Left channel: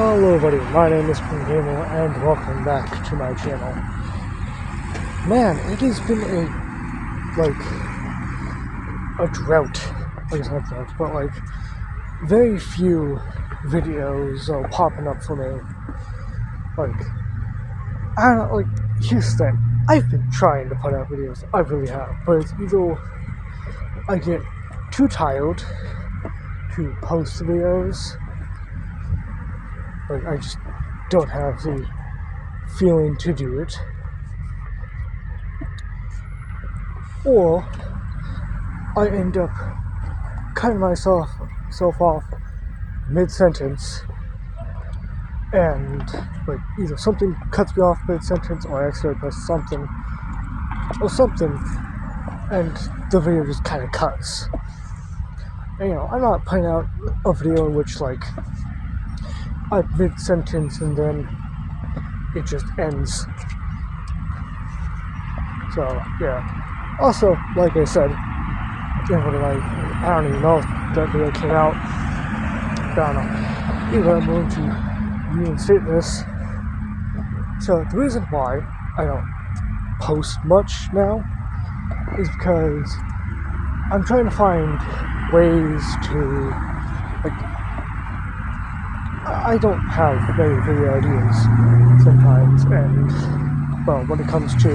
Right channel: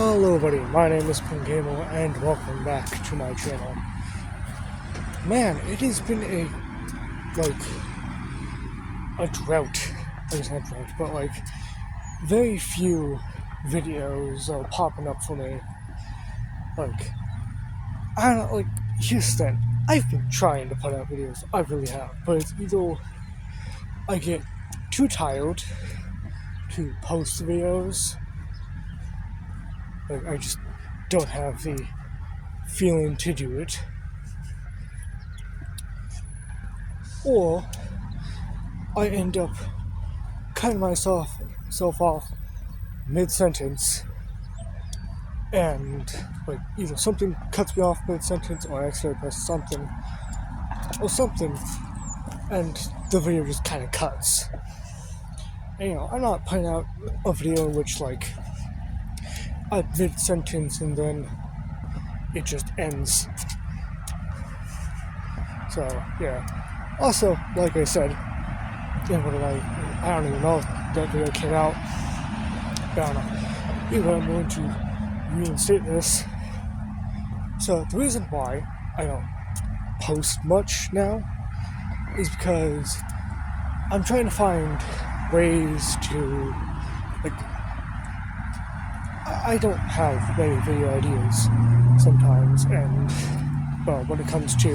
Hello everybody, my name is Pingamo and welcome back to my channel. Man, it has been a drought. It's not drought, but very few videos are popping up for me. I don't know, here's the thing. I've been trying to put out videos, I really have, but it's either I get too tired to post videos. I just don't have the feeling to do it. Or I end up cutting myself off mid-sentence, and either something cuts me off mid-sentence or I accidentally press something, and the video just kind of cuts. And, I'm not putting out a video in which at mid-sentence and then it just ends. So yeah. Also, like I said, I don't even know if that video came out. I don't know. Either I'm going to reinstate this. So the reason why I don't post much now is because I'm trying to find ways to I don't have many video ideas sometimes, and when it comes to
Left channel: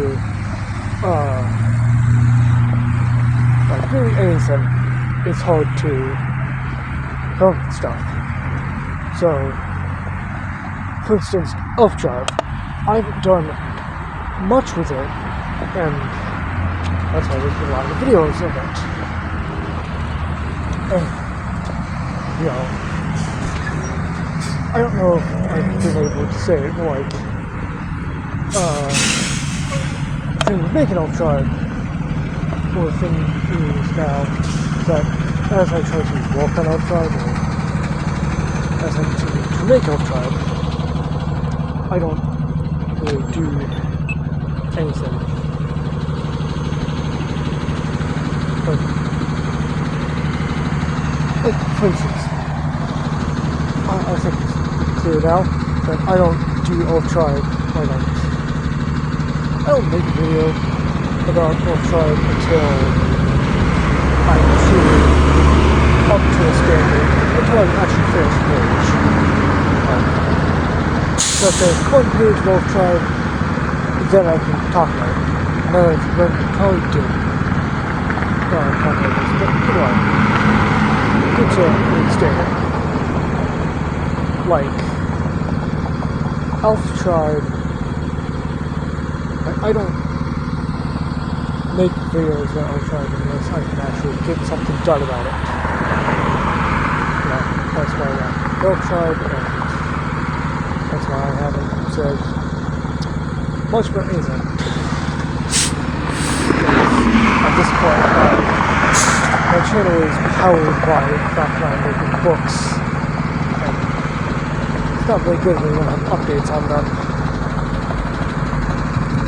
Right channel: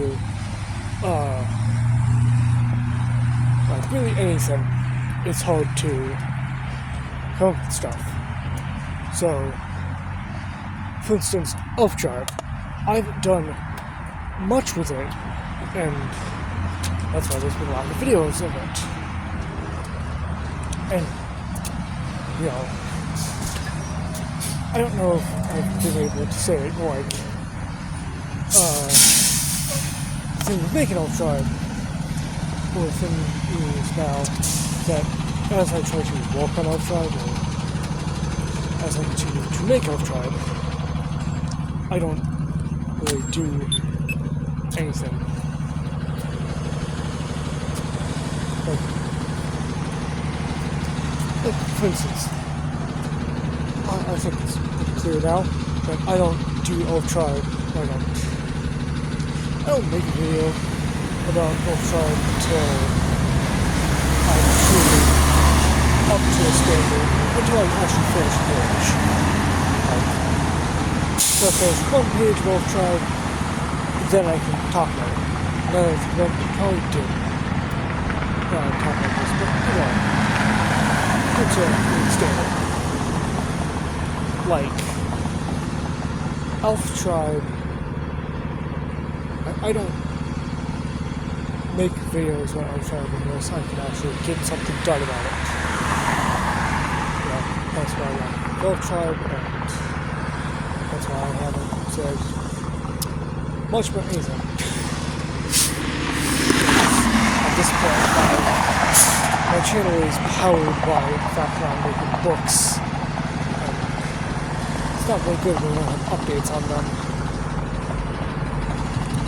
really anything, it's hard to come up with stuff. So, for instance, Elf Tribe, I haven't done much with it, and that's why there's been a lot of videos of it. And I don't know if I've been able to say it, the thing with making Elf Tribe, or the thing is now, that as I try to walk on Elf Tribe, or as I continue to make Elf Tribe, I don't really do anything. For instance, I think it's clear now that I don't do Elf Tribe. I don't make a video about Elf Tribe until I'm truly up to a standard, until I actually finish the page. So if there's one page of Elf Tribe, then I can talk about it. Another thing I can probably do. Talk about this, but anyway, it's a standard. Elf Tribe, I don't make videos about Elf Tribe unless I can actually get something done about it. That's why I like Elf Tribe, and that's why I haven't said much about anything. At this point, my channel is powered by the fact that I'm making books. It's not very good when I don't have updates on them.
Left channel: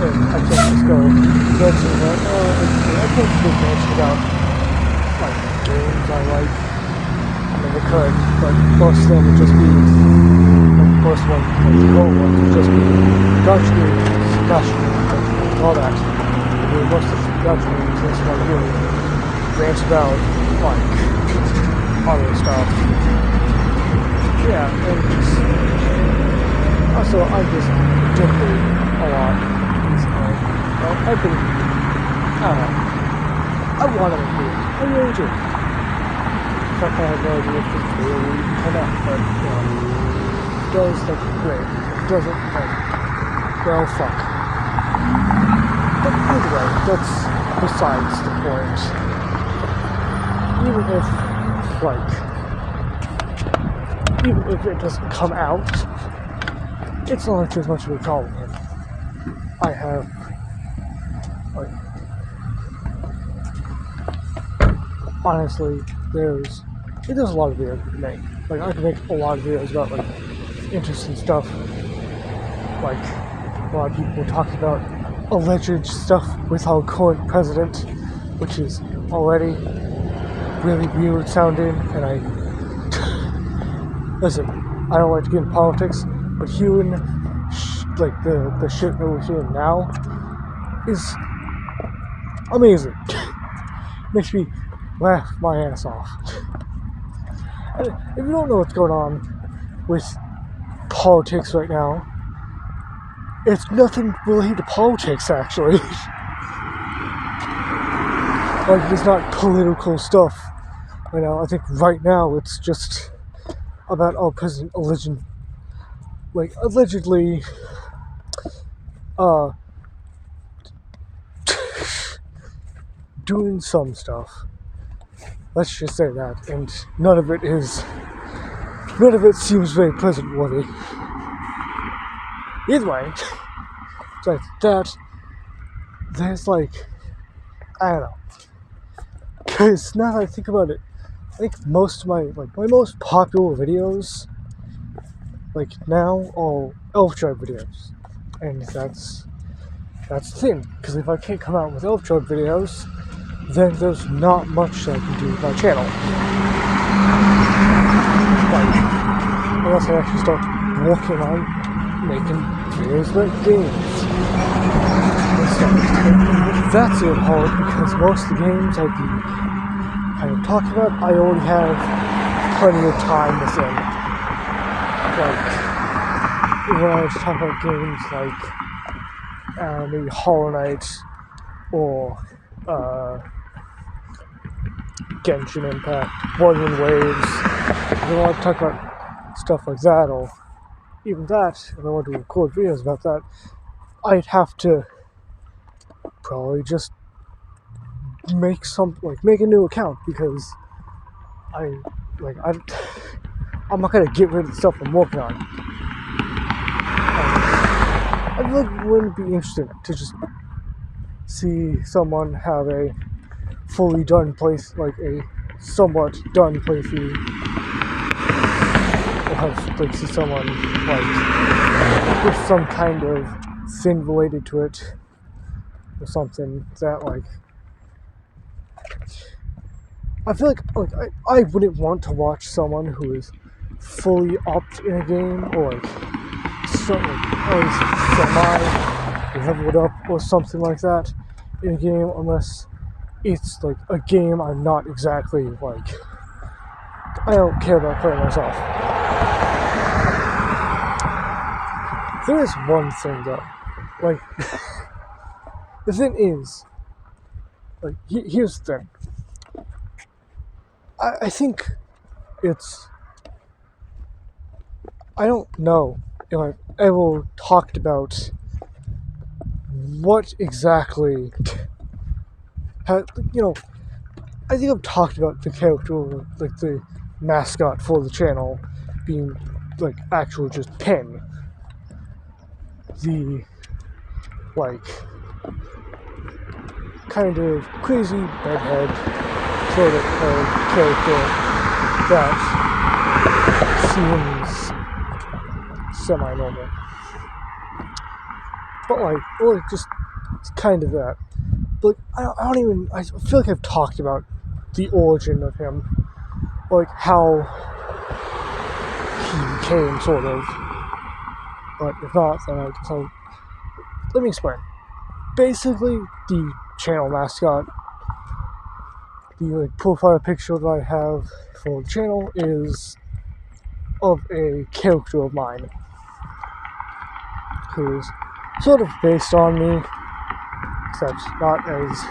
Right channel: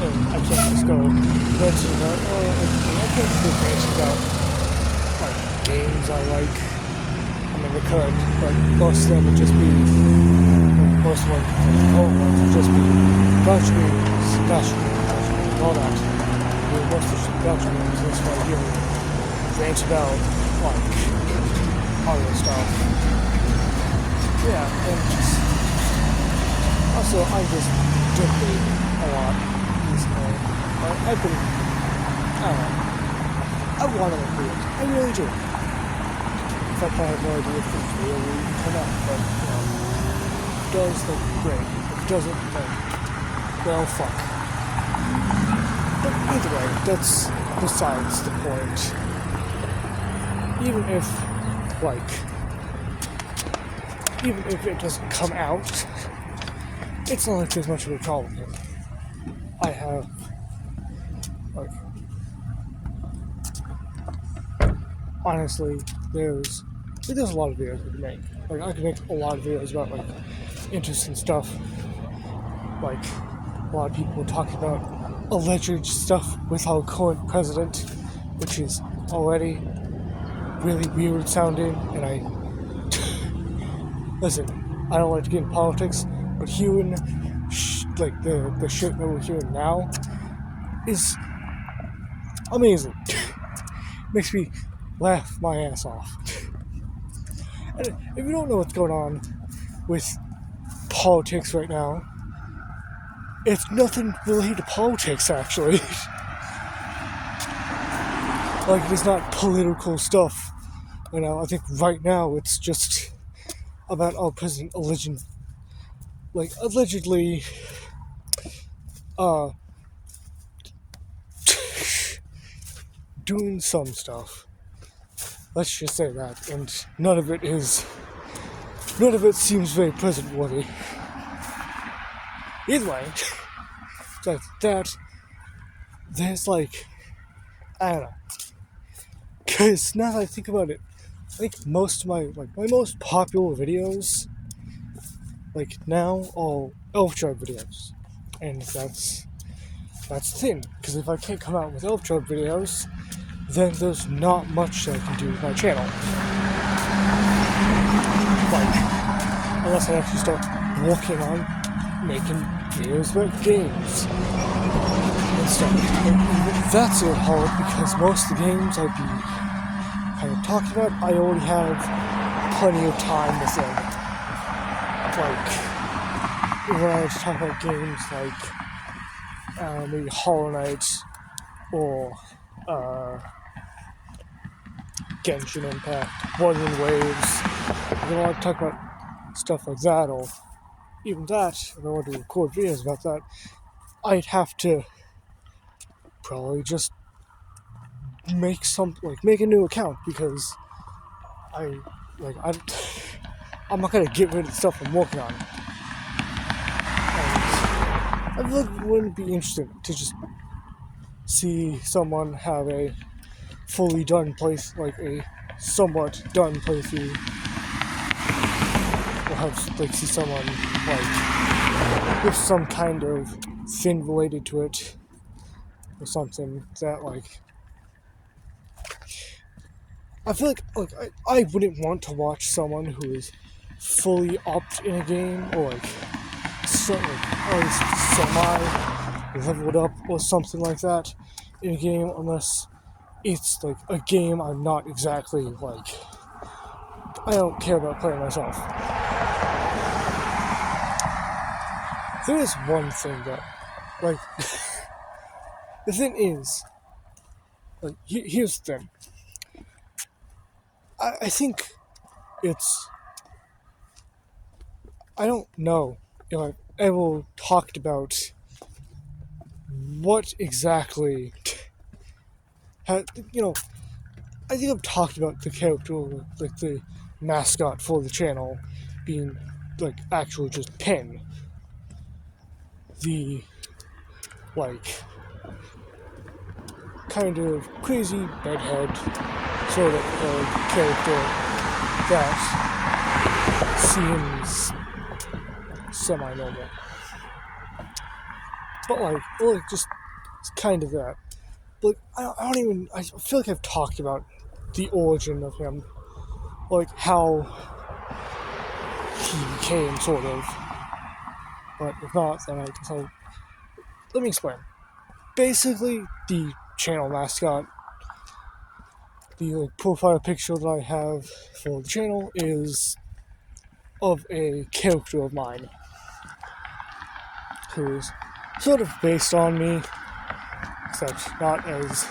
And I can't just go mention about, I can't just mention about games I like. I could, but most of them would just be, most of them would just be gotcha games, all that. Most of the gotcha games is what I really rant about, other stuff. Yeah, and also, I just joking a lot. I want to read. I really do. In fact, I have no idea if this will even come out, but, it does look great. It doesn't, well, fuck. But either way, that's besides the point. Even if it doesn't come out, it's not too much of a problem. I have, honestly, there's a lot of videos I can make. I can make a lot of videos about, interesting stuff. A lot of people talking about alleged stuff with our current president, which is already really weird sounding, and listen, I don't like to get in politics, but hearing like the shit that we're hearing now is amazing. Makes me laugh my ass off. And if you don't know what's going on with politics right now, it's nothing related to politics, actually. Like, it's not political stuff. I know. I think right now it's just about our president allegedly doing some stuff. Let's just say that, and none of it seems very president worthy. Either way, it's like that. There's like, I don't know. Because now that I think about it, I think most of my most popular videos, like now, are Elf Tribe videos, and that's the thing. Because if I can't come out with Elf Tribe videos, then there's not much I can do with my channel. Like, unless I actually start working on making videos about games. That's it hard because most of the games I've been kind of talking about, I already have plenty of time within. Like, when I was talking about games like maybe Hollow Knight or Genshin Impact, Whirlwind Waves, if I want to talk about stuff like that, or even that, if I want to record videos about that, I'd have to probably just make a new account, because I'm not gonna get rid of the stuff I'm working on. I feel like it wouldn't be interesting to just see someone have a fully done a somewhat done playthrough, or have see someone with some kind of thing related to it, or something that I feel like I wouldn't want to watch someone who is fully upped in a game, or at least semi-leveled up or something like that in a game, unless it's a game I'm not exactly I don't care about playing myself. There is one thing though, the thing is, here's the thing. I think it's, I don't know if I've ever talked about what exactly, I think I've talked about the character, the mascot for the channel being actual just Pen. The kind of crazy bedhead sort of character that seems semi-normal. But just it's kind of that. But I feel like I've talked about the origin of him, how he became sort of. But if not, then let me explain. Basically, the channel mascot, the profile picture that I have for the channel is of a character of mine who is sort of based on me, except not as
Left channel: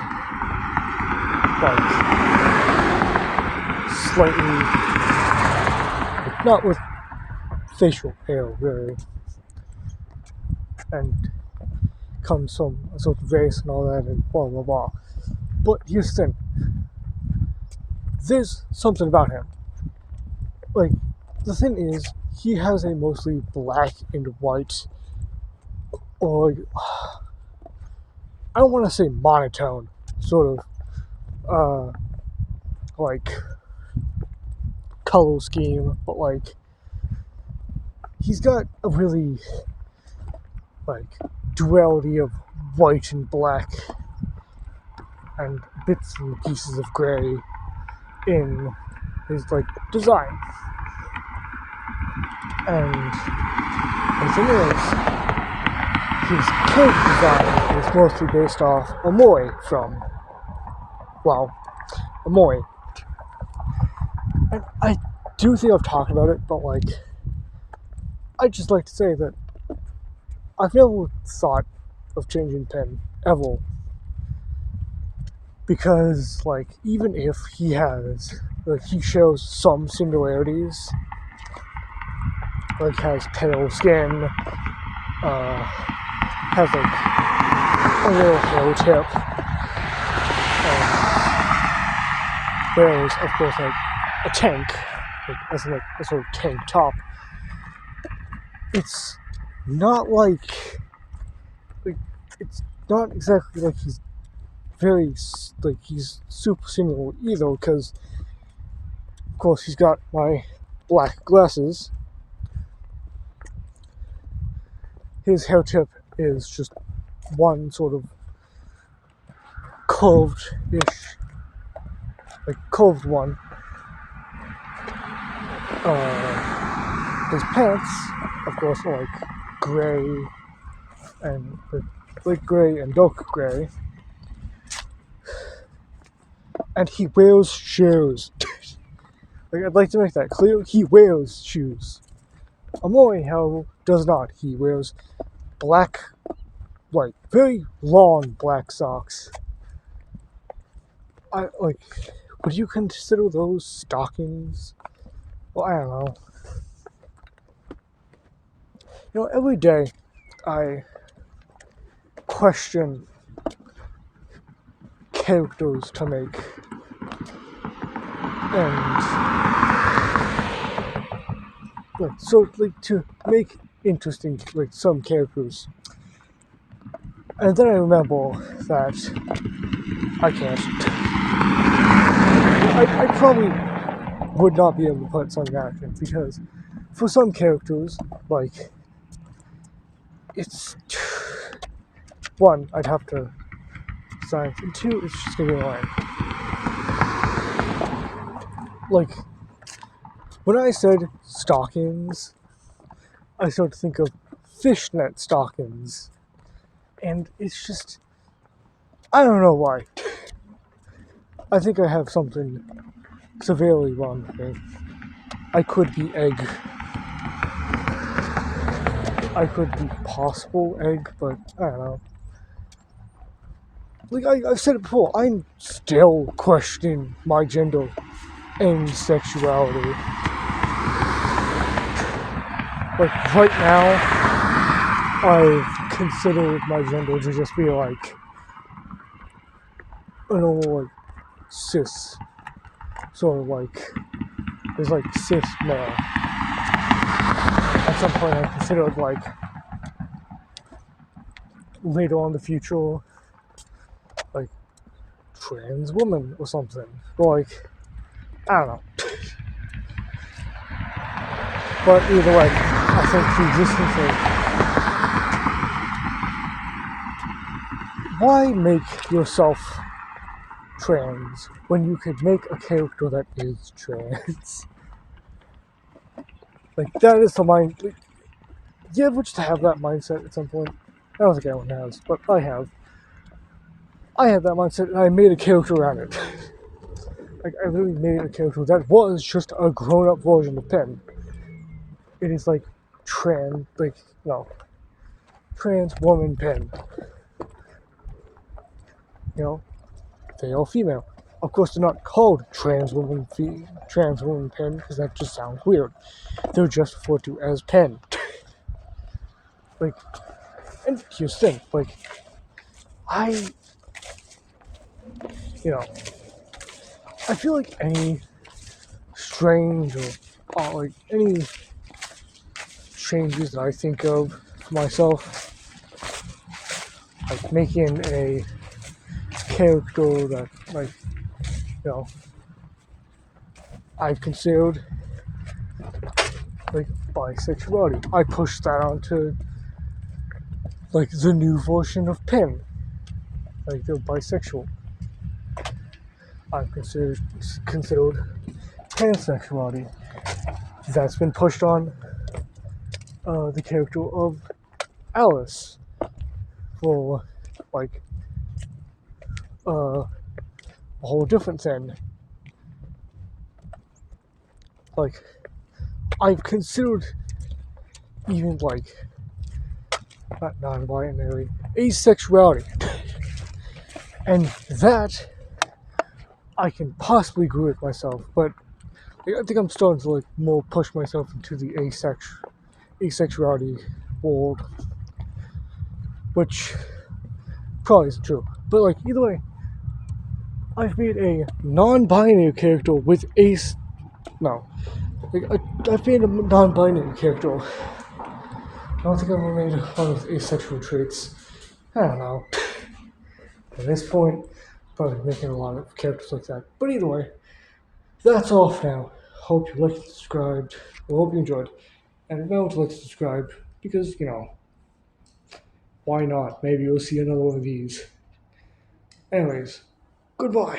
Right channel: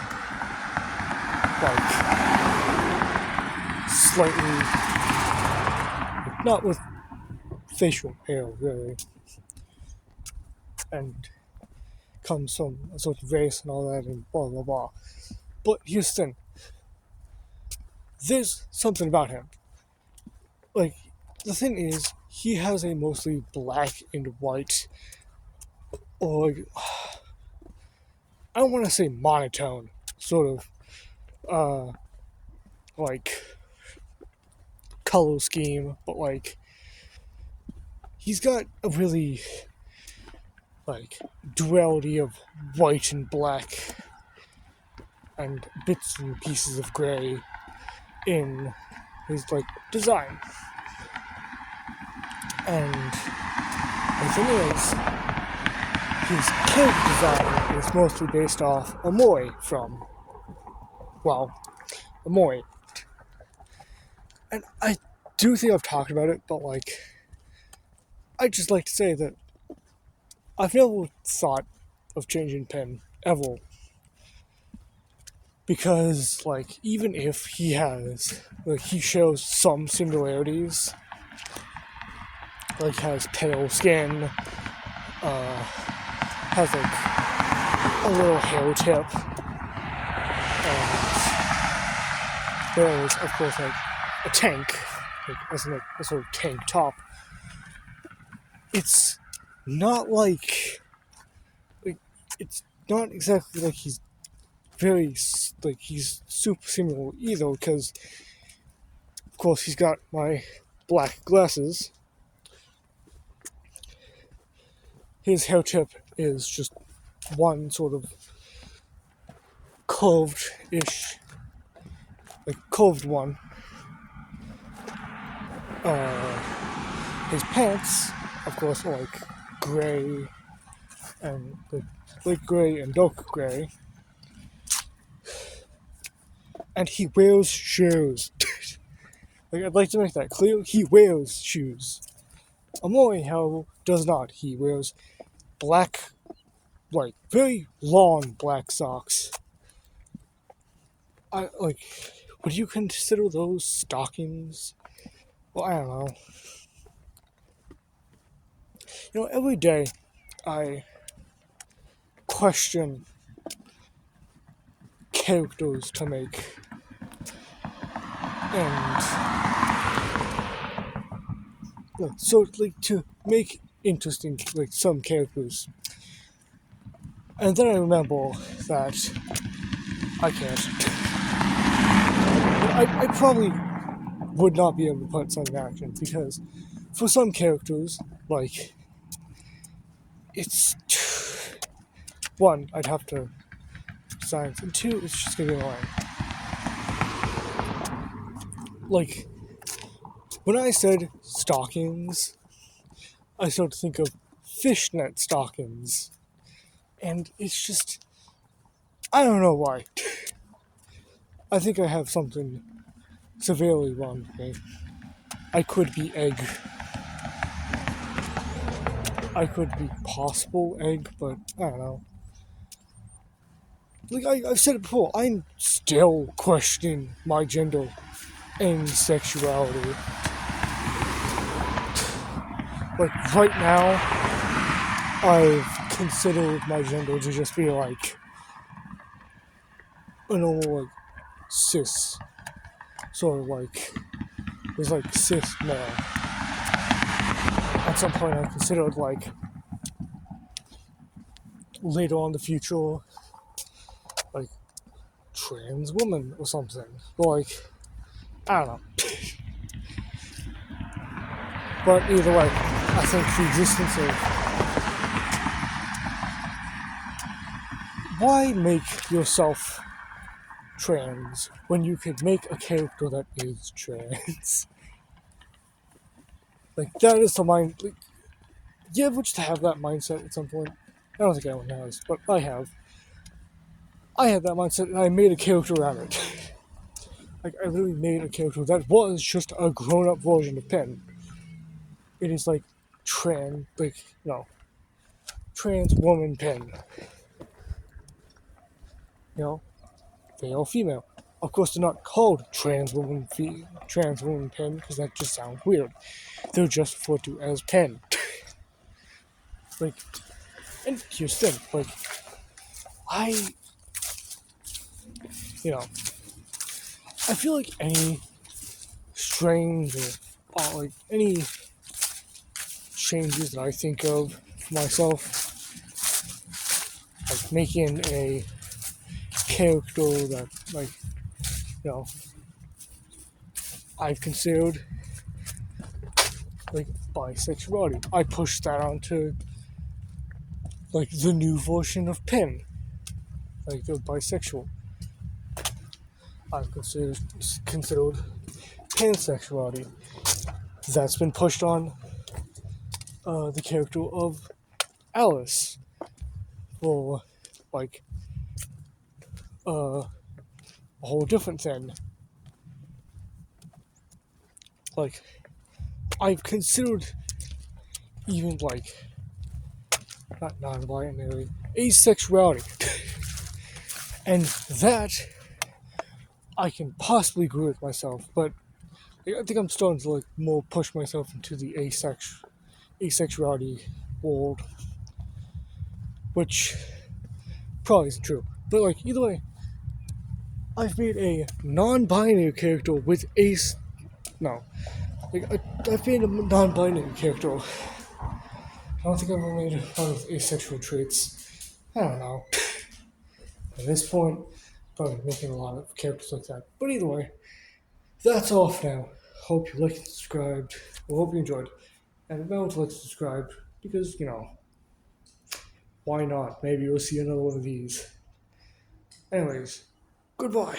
slightly, not with facial hair really, and comes from a sort of race and all that and blah blah blah. But here's the thing. There's something about him. The thing is, he has a mostly black and white, or I don't want to say monotone, sort of, color scheme, but he's got a really, duality of white and black, and bits and pieces of gray in his design. And the thing is, his character design is mostly based off Amoy from, well, Amoy. And I do think I've talked about it, but like, I'd just like to say that I've never thought of changing Penn, ever. Because, like, even if he has, like, he shows some similarities, like, has pale skin, has, like, a little hair tip, and wears, of course, like, a tank, like, as like, a sort of tank top. It's not like, it's not exactly like he's very, like, he's super similar either, because, of course, he's got my black glasses. His hair tip is just one sort of curved-ish, like, curved one. His pants, of course, are, like, gray, and, like, gray and dark gray. And he wears shoes. Like, I'd like to make that clear. He wears shoes. Amoy, however, does not. He wears black, like, very long black socks. Would you consider those stockings? Well, I don't know. You know, every day I question characters to make. And, like, so, like, to make interesting, like, some characters. And then I remember that I can't. I probably would not be able to put some in action, because for some characters, like, it's, one, I'd have to science, and two, it's just gonna be annoying. Like, when I said stockings, I started to think of fishnet stockings, and it's just, I don't know why. I think I have something severely wrong with me. I could be egg. I could be possible egg, but I don't know. Like, I've said it before, I'm still questioning my gender and sexuality. Like, right now, I've considered my gender to just be like a normal, like, cis, sort of like, it's like cis male. At some point I considered, like, later on in the future, like, trans woman or something. But, like, I don't know. But either way, I think the existence of, why make yourself trans when you could make a character that is trans? Like, that is the mind. Like, you ever just have that mindset at some point? I don't think anyone has, but I have. I had that mindset, and I made a character around it. Like, I literally made a character that was just a grown-up version of Penn. It is like trans woman Penn. You know, they are female. Of course, they're not called trans woman Penn, because that just sounds weird. They're just referred to as Penn. Like, and here's the thing, like, I feel like any strange or like any changes that I think of for myself, like making a character that, like, I've considered, like, bisexuality. I pushed that onto, like, the new version of Penn. Like, they're bisexual. I've considered pansexuality. That's been pushed on the character of Alice for like a whole different thing. Like, I've considered even like not non-binary, asexuality, and that I can possibly agree with myself, but I think I'm starting to like more push myself into the asexuality world, which probably isn't true. But like either way, I've made a non-binary character with ace. No, like I've made a non-binary character. I don't think I've ever made one with asexual traits. I don't know. At this point, probably making a lot of characters like that. But either way, that's all for now. Hope you liked and subscribed. Well, hope you enjoyed. And remember to like and subscribe because, why not? Maybe you'll see another one of these. Anyways, goodbye.